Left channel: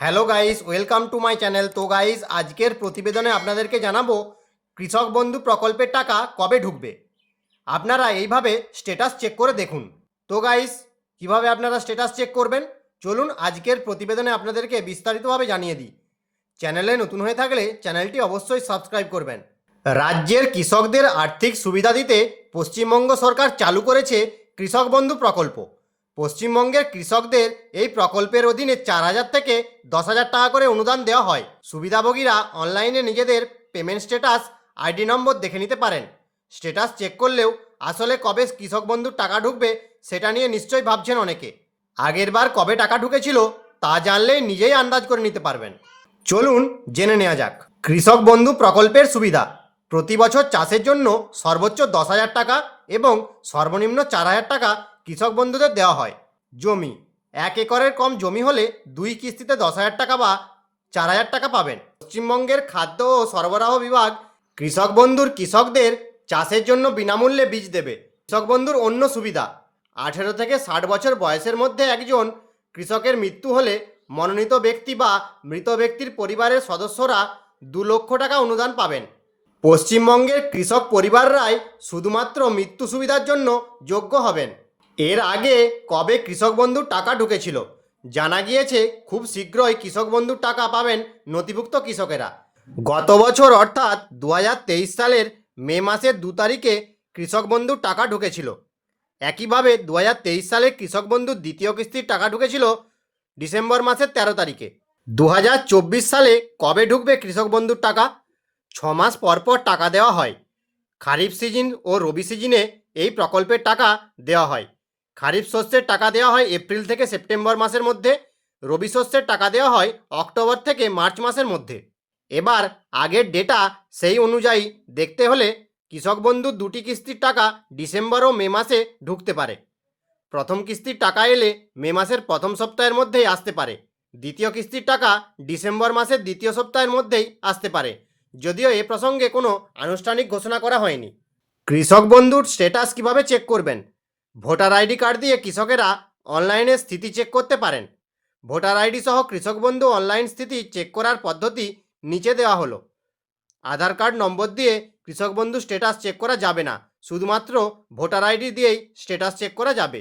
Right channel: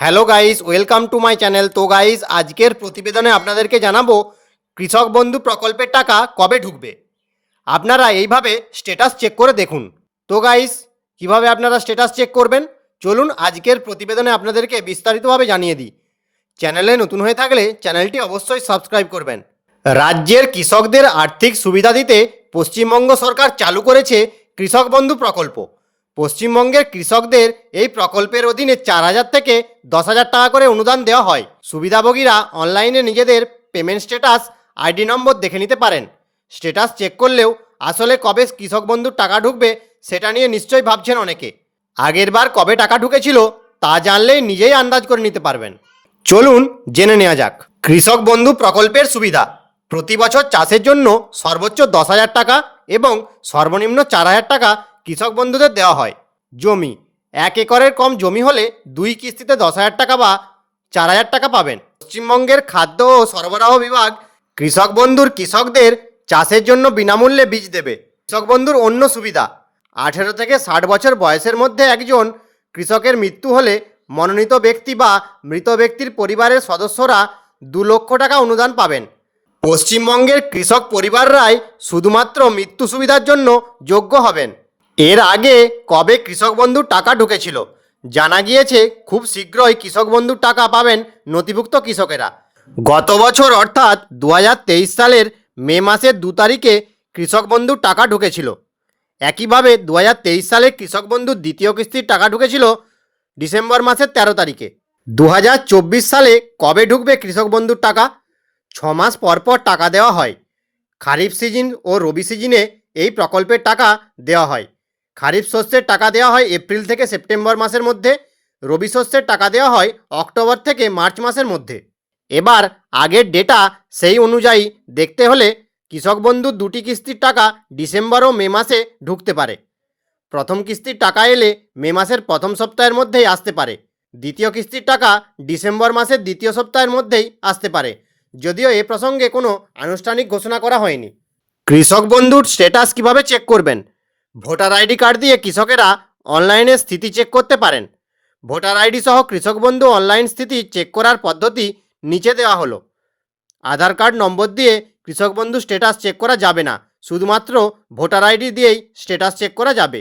Hello guys, welcome to my channel. তো guys, আজকের প্রতিবেদনে আপনাদেরকে জানাবো কৃষক বন্ধু প্রকল্পের টাকা কবে ঢুকবে। আপনারা এইভাবে স্ট্যাটাস চেক করে দেখুন। তো গাইস, কিভাবে আপনারা স্ট্যাটাস চেক করবেন চলুন আজকের প্রতিবেদনে আপনাদেরকে বিস্তারিতভাবে জানিয়ে দিই। চ্যানেলে নতুন হয়ে থাকলে চ্যানেলটি অবশ্যই সাবস্ক্রাইব করবেন। রাজ্যের কৃষকদের আর্থিক সুবিধা দিতে পশ্চিমবঙ্গ সরকার চালু করেছে কৃষক বন্ধু প্রকল্প। পশ্চিমবঙ্গের কৃষকদের এই প্রকল্পের অধীনে 4,000 থেকে 10,000 টাকা করে অনুদান দেওয়া হয়। সুবিধাভোগীরা অনলাইনে নিজেদের পেমেন্ট স্ট্যাটাস আইডি নম্বর দেখে নিতে পারেন। স্ট্যাটাস চেক করলেও আসলে কবে কৃষক বন্ধুর টাকা ঢুকবে সেটা নিয়ে নিশ্চয়ই ভাবছেন অনেকে। আগেরবার কবে টাকা ঢুকেছিল তা জানলেই নিজেই আন্দাজ করে নিতে পারবেন। চলুন জেনে নেওয়া যাক কৃষক বন্ধু প্রকল্পের সুবিধা। প্রতি বছর চাষের জন্য সর্বোচ্চ 10,000 টাকা এবং সর্বনিম্ন 4,000 টাকা কৃষক বন্ধুদের দেওয়া হয়। জমি 1 একরের কম জমি হলে 2 কিস্তিতে 10,000 টাকা বা 4,000 টাকা পাবেন। পশ্চিমবঙ্গের খাদ্য ও সরবরাহ বিভাগ কৃষক বন্ধুর কৃষকদের চাষের জন্য বিনামূল্যে বীজ দেবে। কৃষক বন্ধুর অন্য সুবিধা 18 থেকে 60 বছর বয়সের মধ্যে একজন কৃষকের মৃত্যু হলে মনোনীত ব্যক্তি বা মৃত ব্যক্তির পরিবারের সদস্যরা 2 লক্ষ টাকা অনুদান পাবেন। পশ্চিমবঙ্গের কৃষক পরিবাররাই শুধুমাত্র মৃত্যু সুবিধার জন্য যোগ্য হবেন। এর আগে কবে কৃষক বন্ধুর টাকা ঢুকেছিল জানা গিয়েছে খুব শীঘ্রই কৃষক বন্ধুর টাকা পাবেন নথিভুক্ত কৃষকেরা। গত বছর অর্থাৎ 2023 সালের মে মাসের 2 তারিখে কৃষক বন্ধুর টাকা ঢুকেছিল। একইভাবে 2023 সালে কৃষক বন্ধুর দ্বিতীয় কিস্তির টাকা ঢুকেছিল ডিসেম্বর মাসের 13 তারিখে। 2024 সালে কবে ঢুকবে কৃষক বন্ধুর টাকা? 6 মাস পর পর টাকা দেওয়া হয়। খারিফ সিজন ও রবি সিজনে এই প্রকল্পের টাকা দেওয়া হয়। খারিফ শস্যের টাকা দেওয়া হয় এপ্রিল থেকে সেপ্টেম্বর মাসের মধ্যে, রবি শস্যের টাকা দেওয়া হয় অক্টোবর থেকে মার্চ মাসের মধ্যে। এবার আগের ডেটা সেই অনুযায়ী দেখতে হলে কৃষক বন্ধুর 2টি কিস্তির টাকা ডিসেম্বর ও মে মাসে ঢুকতে পারে। প্রথম কিস্তির টাকা এলে মে মাসের প্রথম সপ্তাহের মধ্যেই আসতে পারে। দ্বিতীয় কিস্তির টাকা ডিসেম্বর মাসের দ্বিতীয় সপ্তাহের মধ্যেই আসতে পারে, যদিও এ প্রসঙ্গে কোনো আনুষ্ঠানিক ঘোষণা করা হয়নি। কৃষক বন্ধুর স্ট্যাটাস কিভাবে চেক করবেন? ভোটার আইডি কার্ড দিয়ে কৃষকেরা অনলাইনে স্থিতি চেক করতে পারেন। ভোটার আইডি সহ কৃষক বন্ধু অনলাইন স্থিতি চেক করার পদ্ধতি নিচে দেওয়া হলো। আধার কার্ড নম্বর দিয়ে কৃষক বন্ধু স্ট্যাটাস চেক করা যাবে না, শুধুমাত্র ভোটার আইডি দিয়েই স্ট্যাটাস চেক করা যাবে।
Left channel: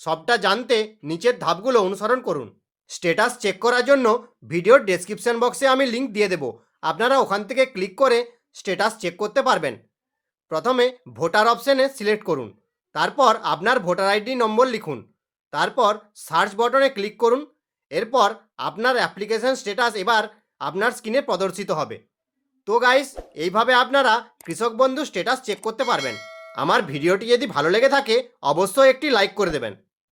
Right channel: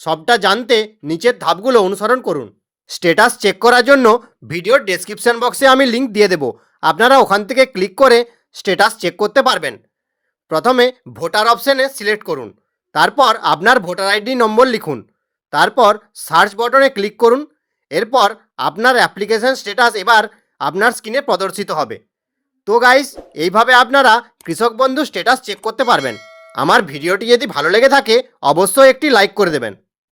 সবটা জানতে নিচের ধাপগুলো অনুসরণ করুন। স্ট্যাটাস চেক করার জন্য ভিডিওর ডেসক্রিপশন বক্সে আমি লিঙ্ক দিয়ে দেব, আপনারা ওখান থেকে ক্লিক করে স্ট্যাটাস চেক করতে পারবেন। প্রথমে ভোটার অপশানে সিলেক্ট করুন, তারপর আপনার ভোটার আইডি নম্বর লিখুন, তারপর সার্চ বটনে ক্লিক করুন। এরপর আপনার অ্যাপ্লিকেশন স্ট্যাটাস এবার আপনার স্ক্রিনে প্রদর্শিত হবে। তো গাইস, এইভাবে আপনারা কৃষক বন্ধু স্ট্যাটাস চেক করতে পারবেন। আমার ভিডিওটি যদি ভালো লেগে থাকে অবশ্যই একটি লাইক করে দেবেন।